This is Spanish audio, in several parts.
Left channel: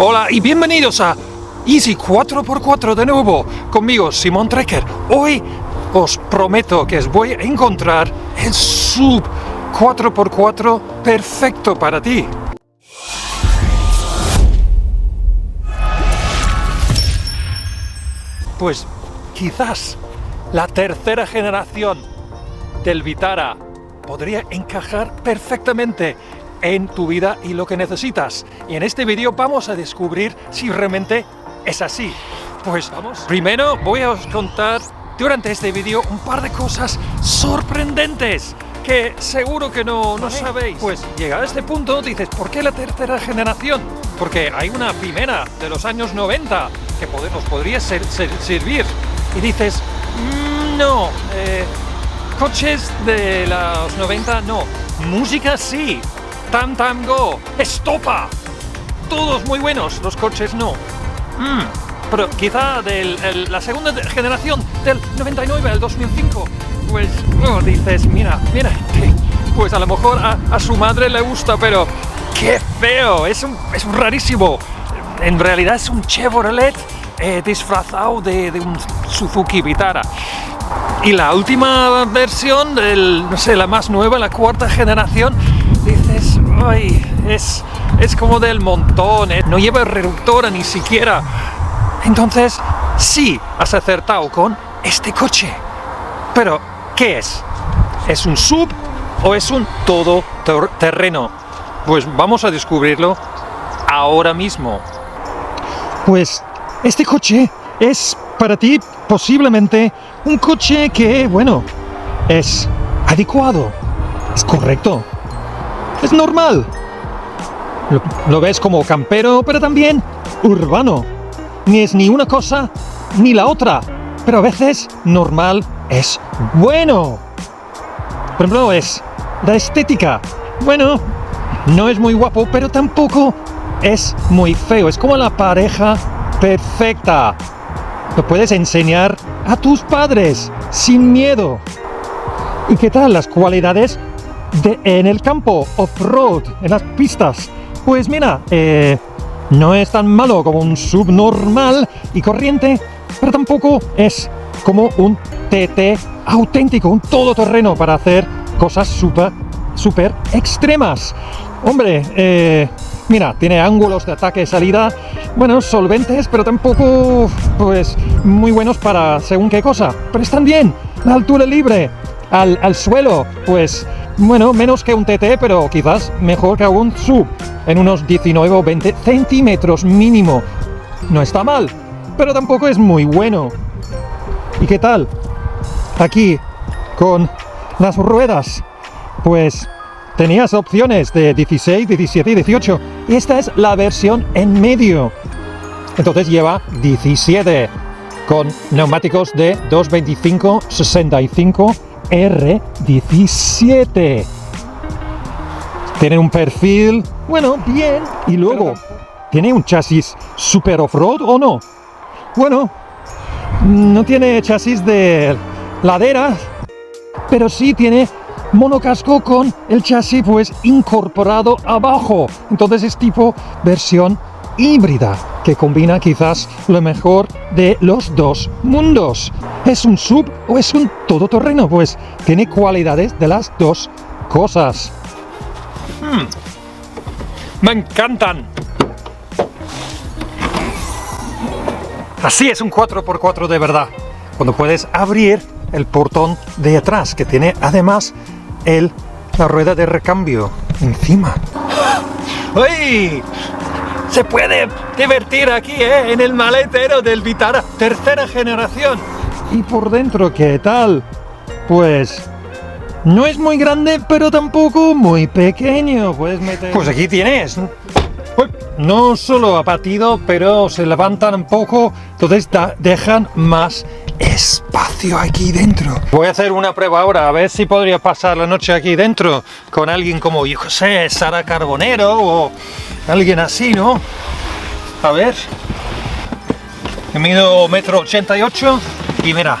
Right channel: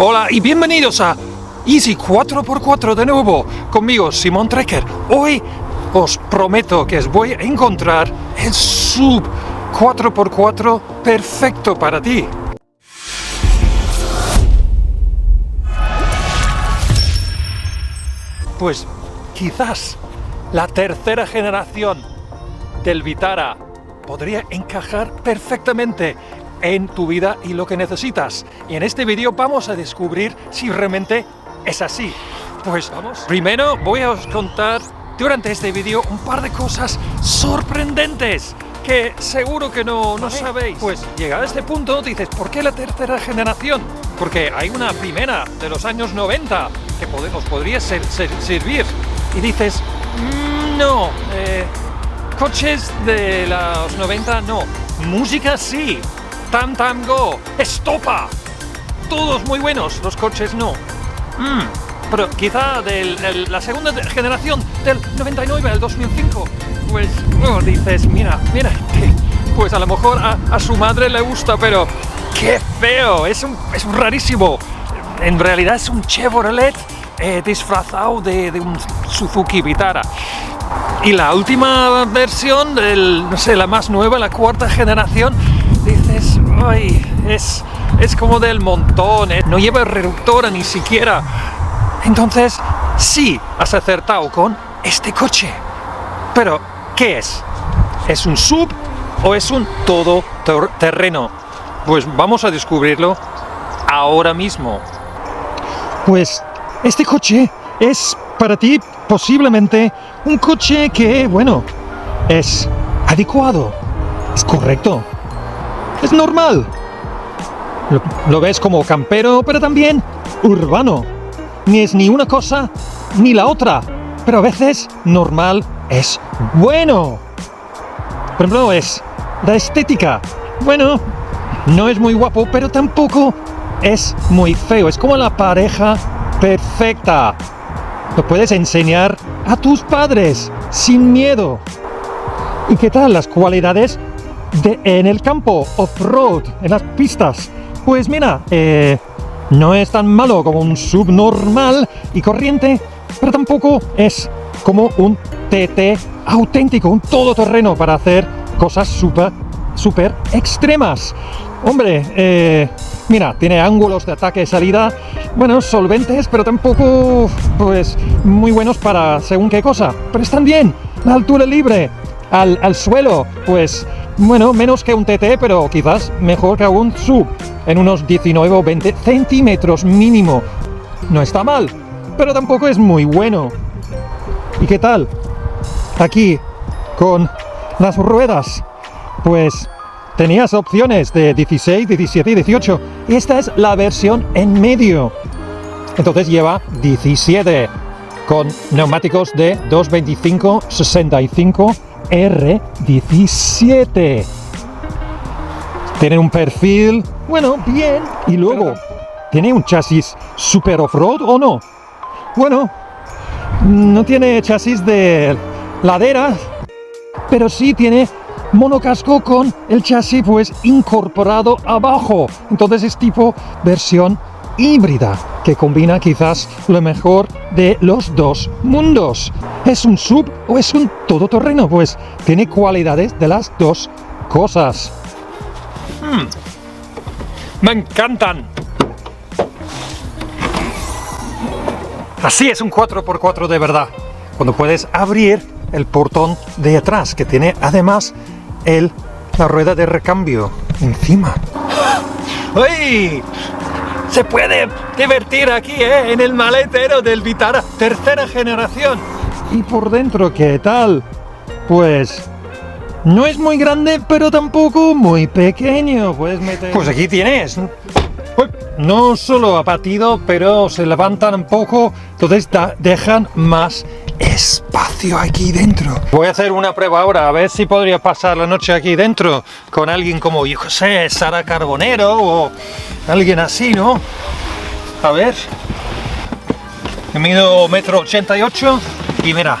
Hola y bienvenidos a Easy 4x4 de nuevo, conmigo Simon Trekker. Hoy os prometo que os voy a encontrar el sub 4x4 perfecto para ti. Pues quizás la tercera generación del Vitara podría encajar perfectamente en tu vida y lo que necesitas. Y en este vídeo vamos a descubrir si realmente es así. Pues vamos. Primero voy a os contar durante este vídeo un par de cosas sorprendentes que seguro que no sabéis. Pues llegado a este punto dices, ¿por qué la tercera generación? Porque hay una primera de los años 90 que podría servir. Y dices, no, coches de los 90 no, música sí. Tam Tam Go, Estopa, todos muy buenos, los coches no. Pero quizá de la segunda generación, del 99 al 2005, pues dices, mira, pues a lo mejor a su madre le gusta, pero qué feo, es rarísimo. En realidad es un Chevrolet disfrazado de un Suzuki Vitara. Y la última versión, no sé, la más nueva, la cuarta generación, dices, ay, es como del montón, no lleva reductora ni siquiera. Entonces, sí, has acertado con este coche. Pero, ¿qué es? ¿Es un sub o es un todoterreno? Pues vamos a descubrirlo ahora mismo. Pues este coche es para ti posiblemente un coche que, bueno, es adecuado, es correcto, es normal. Lo ves como vampiro, pero también ni es ni una cosa ni la otra. Pero a veces normal es bueno. Por ejemplo, es la estética. Bueno, no es muy guapo, pero tampoco es muy feo. Es como la pareja perfecta. Lo puedes enseñar a tus padres sin miedo. ¿Y qué tal las cualidades en el campo, off-road, en las pistas? Pues mira, no es tan malo como un sub normal y corriente, pero tampoco es como un TT auténtico, un todoterreno para hacer cosas súper extremas. Hombre, mira, tiene ángulos de ataque y salida, bueno, solventes, pero tampoco pues muy buenos para según qué cosa. Pero están bien, la altura libre al suelo, pues bueno, menos que un TT, pero quizás mejor que un sub, en unos 19 o 20 centímetros mínimo. No está mal, pero tampoco es muy bueno. ¿Y qué tal? Aquí, con las ruedas, pues tenías opciones de 16, 17 y 18. Y esta es la versión en medio. Entonces lleva 17, con neumáticos de 225/65 R17. Tiene un perfil, bueno, bien. Y luego, ¿tiene un chasis super off-road o no? Bueno, no tiene chasis de ladera, pero sí tiene monocasco con el chasis pues incorporado abajo. Entonces es tipo versión híbrida, que combina quizás lo mejor de los dos mundos. ¿Es un sub o es un todoterreno? Pues tiene cualidades de las dos cosas. Me encantan. Así es un 4x4 de verdad, cuando puedes abrir el portón de atrás, que tiene además la rueda de recambio encima. ¡Ay! Se puede divertir aquí, en el maletero del Vitara tercera generación. Y por dentro, ¿qué tal? Pues no es muy grande, pero tampoco muy pequeño. Puedes meter... Pues aquí tienes. No solo abatido, pero se levantan un poco, entonces dejan más espacio aquí dentro. Voy a hacer una prueba ahora, a ver si podría pasar la noche aquí dentro con alguien como, yo qué sé, Sara Carbonero o alguien así, ¿no? A ver. Mido 1,88 m y mira.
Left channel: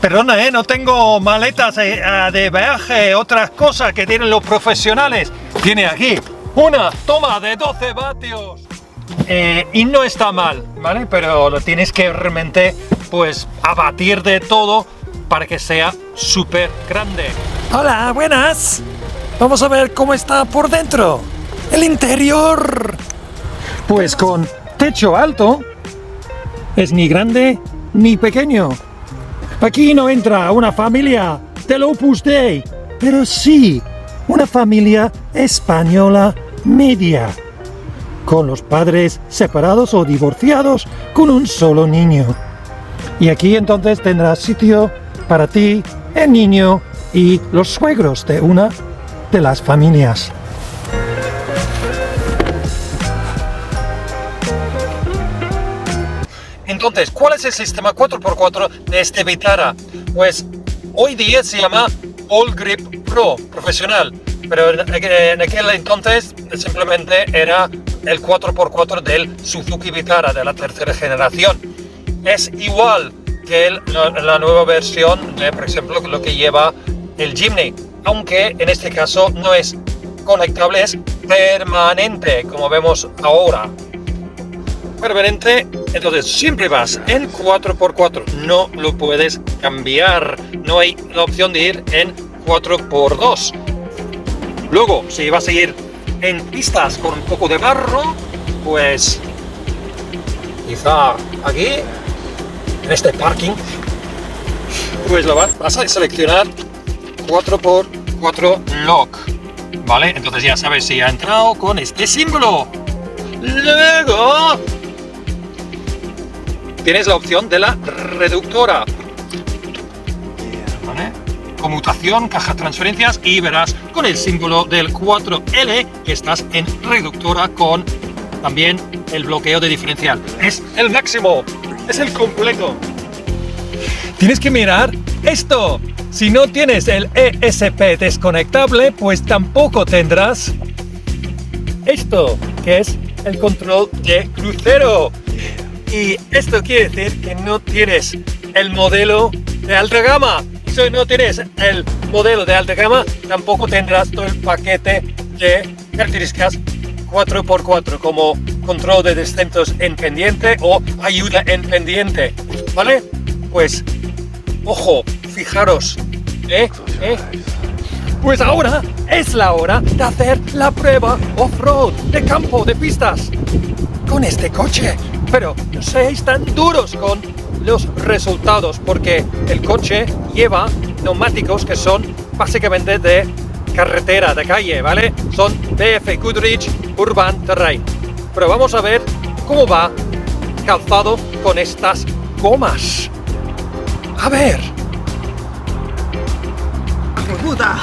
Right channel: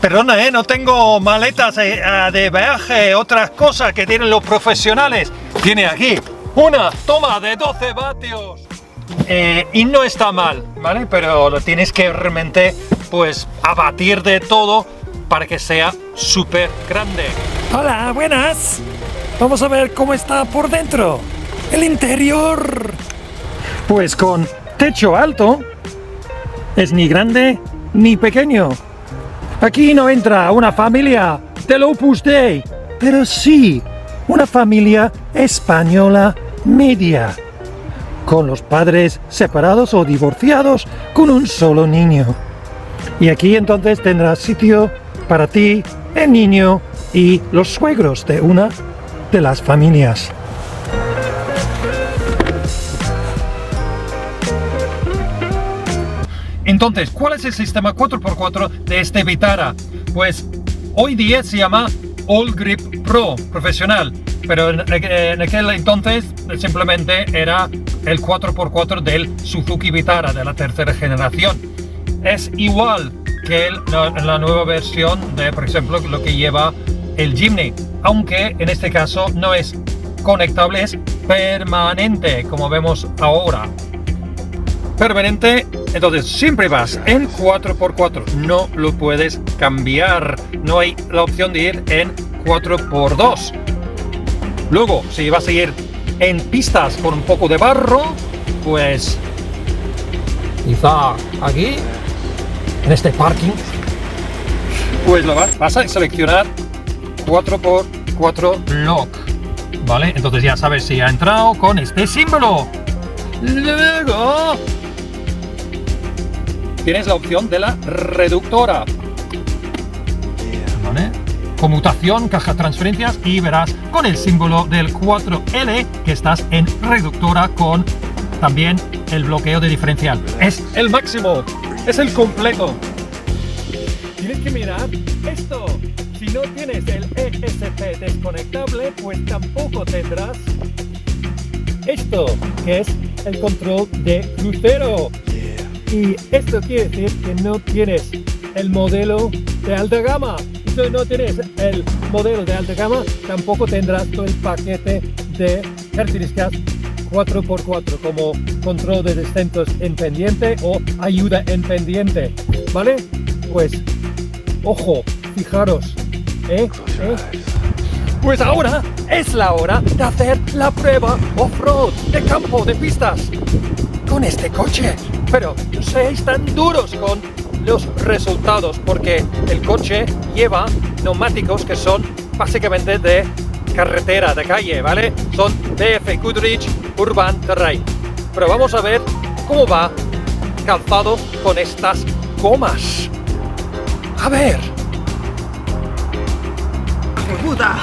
Perdona, no tengo maletas de viaje, otras cosas que tienen los profesionales. Tiene aquí Una toma de 12 vatios. Y no está mal, ¿vale? Pero lo tienes que realmente, pues, abatir de todo para que sea súper grande. Hola, buenas. Vamos a ver cómo está por dentro. El interior. Pues con techo alto, es ni grande ni pequeño. Aquí no entra una familia del Opus Dei, pero sí una familia española media, con los padres separados o divorciados, con un solo niño. Y aquí entonces tendrás sitio para ti, el niño y los suegros de una de las familias. Entonces, ¿cuál es el sistema 4x4 de este Vitara? Pues hoy día se llama All Grip Pro profesional, pero en aquel entonces simplemente era el 4x4 del Suzuki Vitara de la tercera generación. Es igual que la nueva versión de, por ejemplo, lo que lleva el Jimny, aunque en este caso no es conectable, es permanente, como vemos ahora. Permanente, entonces siempre vas en 4x4, no lo puedes cambiar, no hay la opción de ir en 4x2. Luego, si vas a ir en pistas con un poco de barro, pues quizá aquí, en este parking, pues vas a seleccionar 4x4 lock, ¿vale? Entonces ya sabes si ha entrado con este símbolo. Luego tienes la opción de la reductora, ¿vale? Conmutación, caja de transferencias, y verás con el símbolo del 4L que estás en reductora con también el bloqueo de diferencial. Es el máximo, es el completo. Tienes que mirar esto. Si no tienes el ESP desconectable, pues tampoco tendrás esto, que es el control de crucero. Y esto quiere decir que no tienes el modelo de alta gama. Si no tienes el modelo de alta gama, tampoco tendrás todo el paquete de características 4x4, como control de descensos en pendiente o ayuda en pendiente, ¿vale? Pues, ojo, fijaros, Pues ahora es la hora de hacer la prueba off-road, de campo, de pistas, con este coche. Pero no seáis tan duros con los resultados, porque el coche lleva neumáticos que son básicamente de carretera, de calle, ¿vale? Son BF Goodrich Urban Terrain. Pero vamos a ver cómo va calzado con estas gomas. A ver. ¡Puta!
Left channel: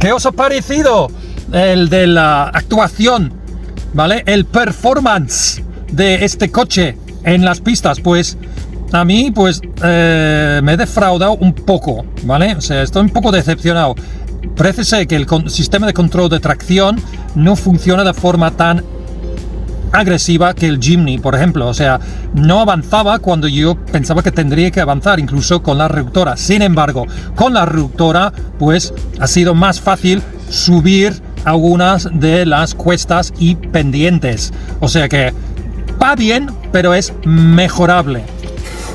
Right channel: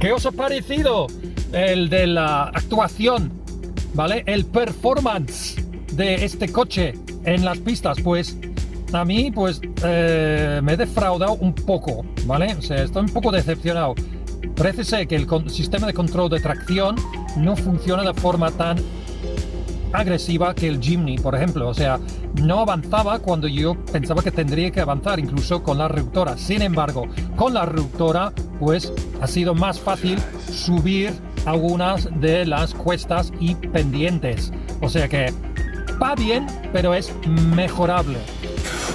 ¿Qué os ha parecido el de la actuación, ¿vale? El performance de este coche en las pistas? Pues a mí, pues me he defraudado un poco, ¿vale? O sea, estoy un poco decepcionado. Parece ser que el sistema de control de tracción no funciona de forma tan agresiva que el Jimny, por ejemplo. O sea, no avanzaba cuando yo pensaba que tendría que avanzar, incluso con la reductora. Sin embargo, con la reductora, pues ha sido más fácil subir algunas de las cuestas y pendientes. O sea que va bien, pero es mejorable.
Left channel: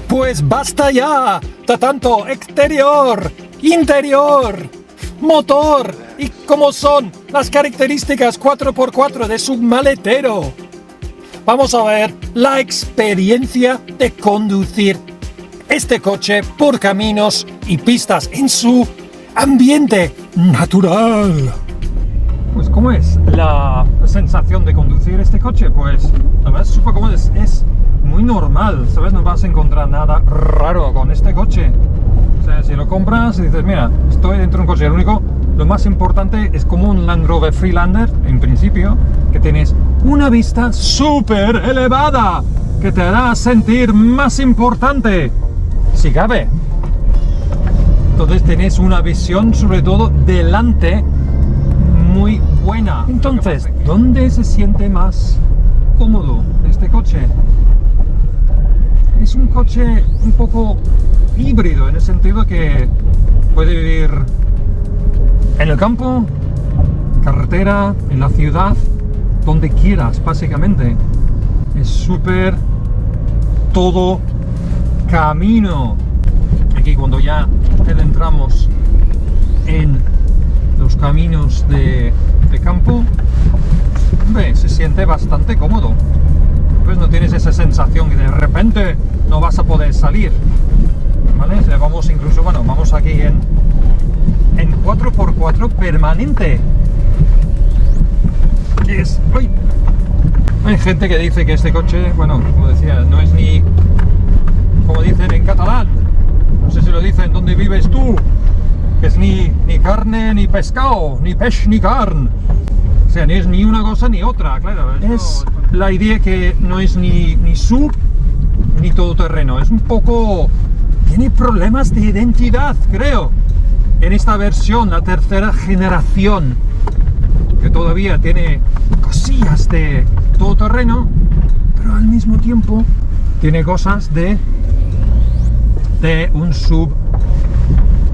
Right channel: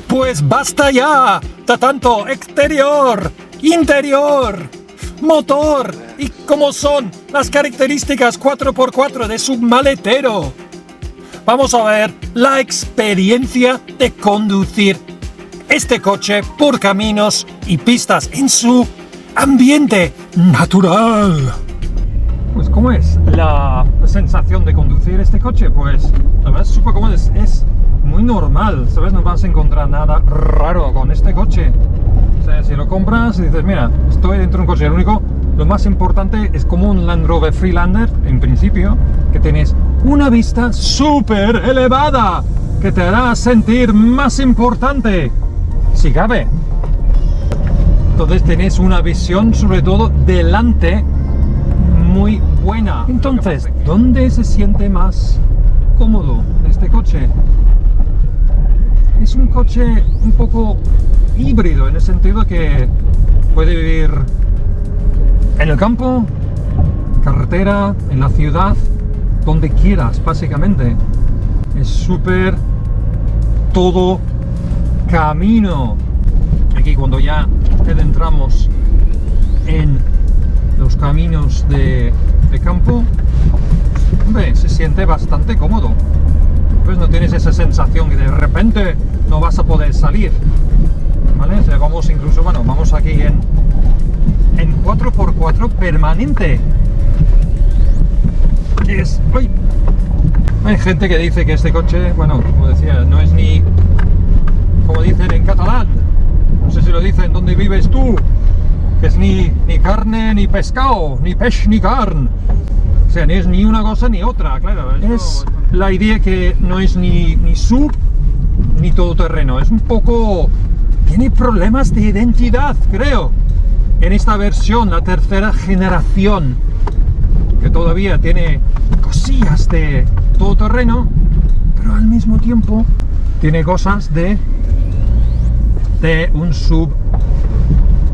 Pues basta ya de tanto exterior, interior, motor y cómo son las características 4x4 de su maletero. Vamos a ver la experiencia de conducir este coche por caminos y pistas en su ambiente natural. Pues ¿cómo es la sensación de conducir este coche? Pues la verdad es súper cómodo, es muy normal, ¿sabes? No vas a encontrar nada raro con este coche. O sea, si lo compras y dices, mira, estoy dentro de un coche, lo más importante es como un Land Rover Freelander, en principio, que tienes una vista súper elevada, que te hará sentir más importante, si cabe. Entonces tenés una visión, sobre todo delante, muy buena. Entonces, ¿dónde se siente más cómodo este coche? Es un coche un poco híbrido, en el sentido que puede vivir en el campo, en carretera, en la ciudad, donde quieras, básicamente. Es súper todo camino. Y que cuando ya adentramos en los caminos de campo, se siente bastante cómodo. Pues no tienes esa sensación que de repente no vas a poder salir, ¿vale? O sea, vamos incluso, bueno, vamos aquí en 4x4 permanente. Y es, ¡ay! Hay gente que dice que este coche, bueno, como decía, no es ni, como dicen en catalán, no sé si lo dicen donde vives tú, que es ni carne ni pescado, ni peix ni carne. O sea, ni es ni una cosa ni otra, claro. Es la idea que no es ni sub ni todoterreno, es un poco... tiene problemas de identidad, creo. En esta versión, la tercera generación, que todavía tiene cosillas de todoterreno, pero al mismo tiempo tiene cosas de un sub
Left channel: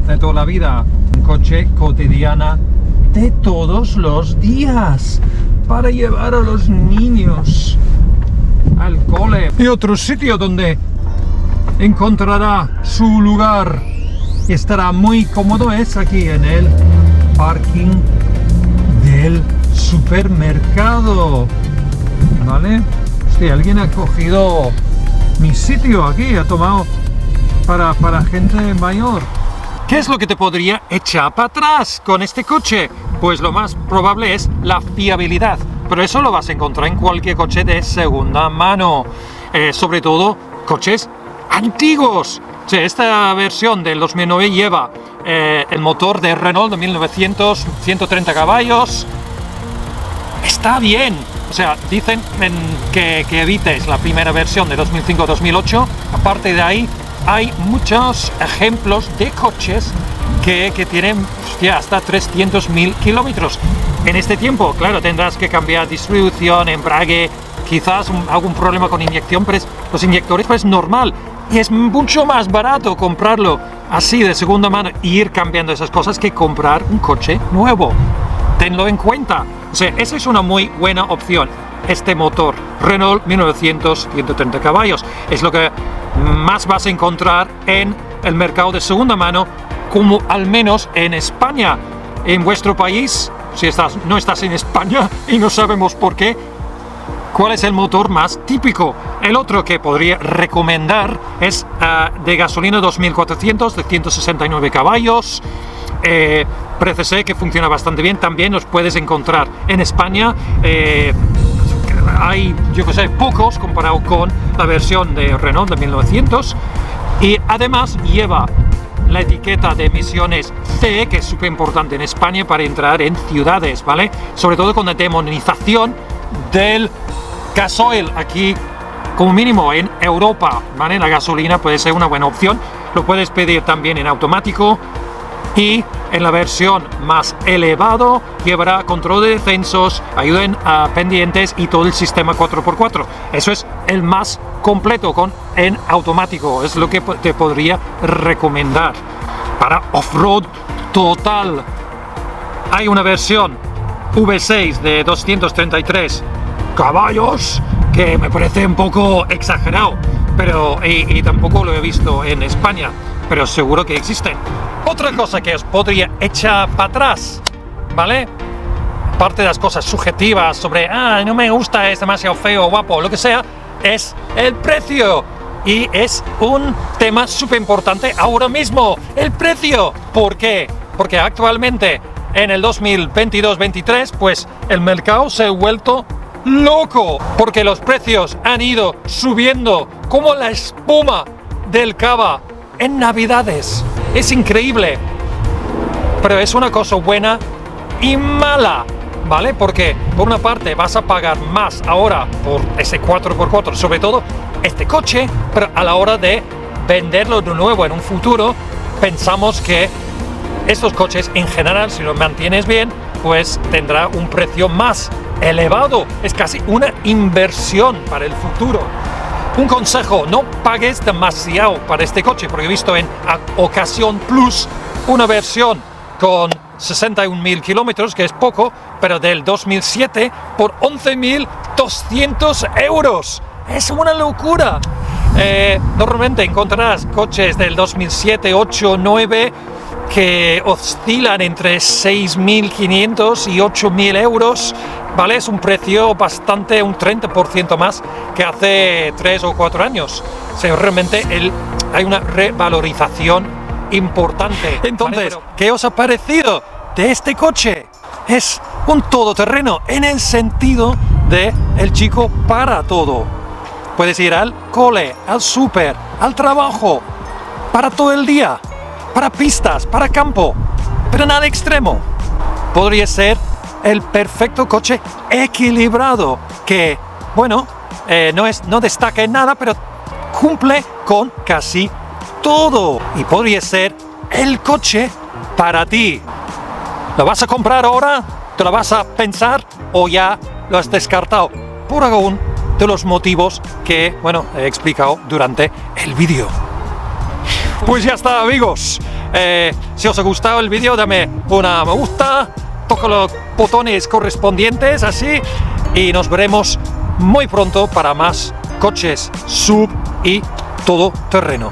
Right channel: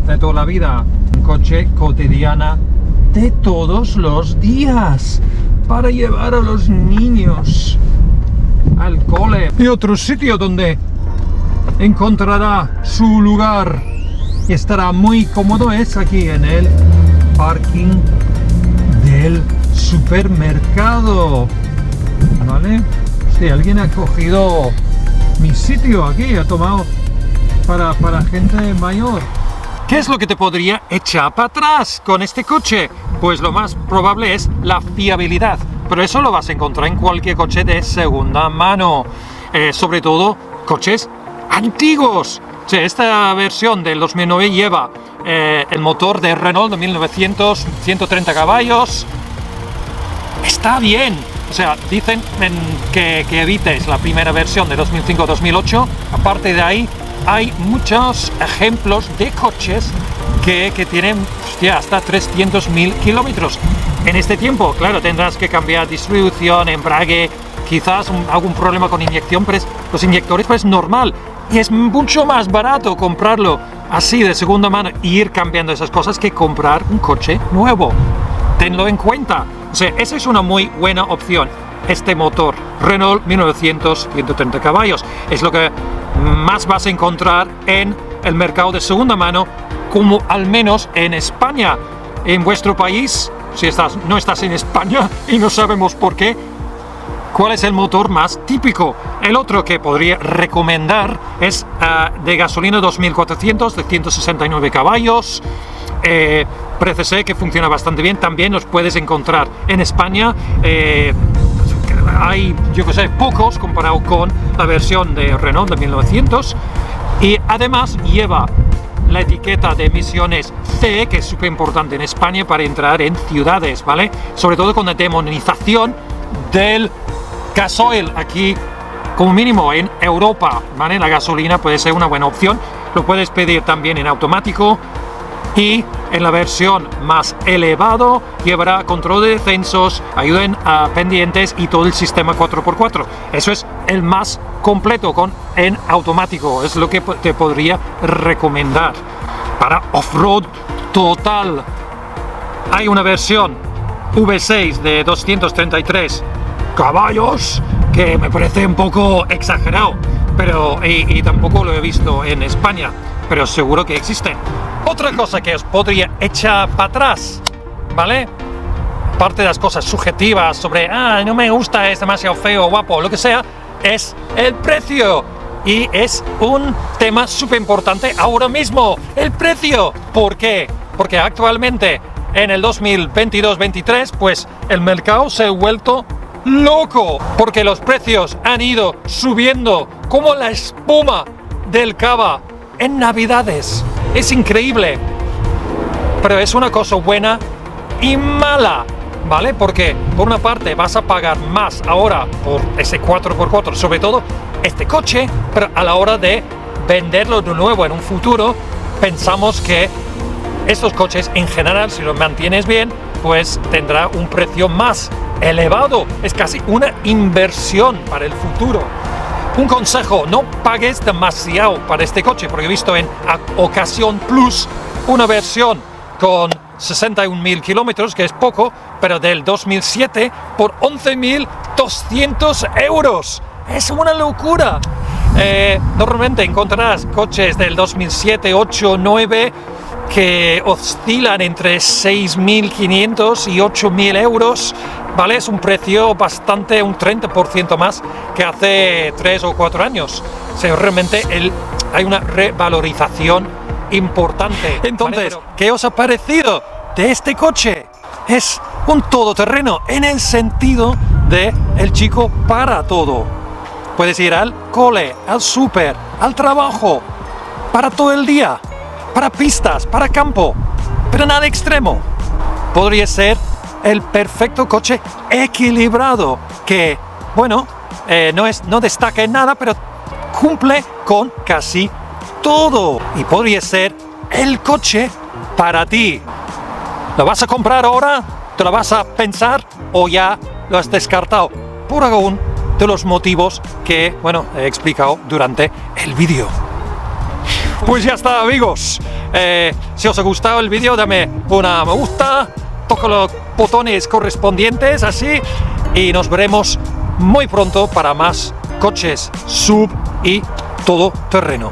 de toda la vida, un coche cotidiana de todos los días para llevar a los niños al cole. Y otro sitio donde encontrará su lugar y estará muy cómodo es aquí en el parking del supermercado, ¿vale? Si alguien ha cogido mi sitio aquí, ha tomado para gente mayor. ¿Qué es lo que te podría echar para atrás con este coche? Pues lo más probable es la fiabilidad, pero eso lo vas a encontrar en cualquier coche de segunda mano, sobre todo coches antiguos. O sea, esta versión del 2009 lleva el motor de Renault de 1900, 130 caballos. Está bien. O sea, dicen que evites la primera versión de 2005-2008. Aparte de ahí, hay muchos ejemplos de coches que tienen hasta 300.000 kilómetros. En este tiempo, claro, tendrás que cambiar distribución, embrague, quizás algún problema con inyección, pero los inyectores pues normal. Y es mucho más barato comprarlo así de segunda mano e ir cambiando esas cosas que comprar un coche nuevo. Tenlo en cuenta. O sea, esa es una muy buena opción. Este motor Renault 1900, 130 caballos, es lo que más vas a encontrar en el mercado de segunda mano, como al menos en España. En vuestro país, si no estás en España y no sabemos por qué, ¿cuál es el motor más típico? El otro que podría recomendar es de gasolina 2400 de 169 caballos. Parece ser que funciona bastante bien. También los puedes encontrar en España. Hay, yo que sé, pocos comparado con la versión de Renault de 1900. Y además lleva la etiqueta de emisiones C, que es súper importante en España para entrar en ciudades, ¿vale? Sobre todo con la demonización del gasoil aquí, como mínimo en Europa, ¿vale? La gasolina puede ser una buena opción. Lo puedes pedir también en automático y en la versión más elevado llevará control de descensos, ayuda a pendientes y todo el sistema 4x4. Eso es el más completo en automático, es lo que te podría recomendar. Para off-road total hay una versión V6 de 233 caballos que me parece un poco exagerado, pero y tampoco lo he visto en España, pero seguro que existen. Otra cosa que os podría echar para atrás, ¿vale? Aparte de las cosas subjetivas sobre, no me gusta, es demasiado feo, guapo, lo que sea, es el precio. Y es un tema súper importante ahora mismo, el precio. ¿Por qué? Porque actualmente, en el 2022-23, pues el mercado se ha vuelto loco. Porque los precios han ido subiendo como la espuma del cava en Navidades. Es increíble. Pero es una cosa buena y mala, ¿vale? Porque por una parte vas a pagar más ahora por ese 4x4, sobre todo este coche, pero a la hora de venderlo de nuevo en un futuro, pensamos que estos coches en general, si los mantienes bien, pues tendrá un precio más elevado. Es casi una inversión para el futuro. Un consejo, no pagues demasiado para este coche, porque he visto en Ocasión Plus una versión con 61.000 kilómetros, que es poco, pero del 2007 por 11.200 euros. Es una locura. Normalmente encontrarás coches del 2007, 8, 9 que oscilan entre 6.500 y 8.000 euros, ¿vale? Es un precio bastante, un 30% más que hace 3 o 4 años. O sea, realmente hay una revalorización importante. Entonces, ¿qué os ha parecido de este coche? Es un todoterreno en el sentido de el chico para todo. Puedes ir al cole, al súper, al trabajo, para todo el día, para pistas, para campo, pero nada extremo. Podría ser el perfecto coche equilibrado que, bueno, no destaca en nada, pero cumple con casi todo. Y podría ser el coche para ti. ¿Lo vas a comprar ahora? ¿Te lo vas a pensar o ya lo has descartado? Por algún de los motivos que, bueno, he explicado durante el vídeo. Pues ya está, amigos. Si os ha gustado el vídeo, dame una me gusta, toca los botones correspondientes, así, y nos veremos muy pronto para más coches sub y todoterreno.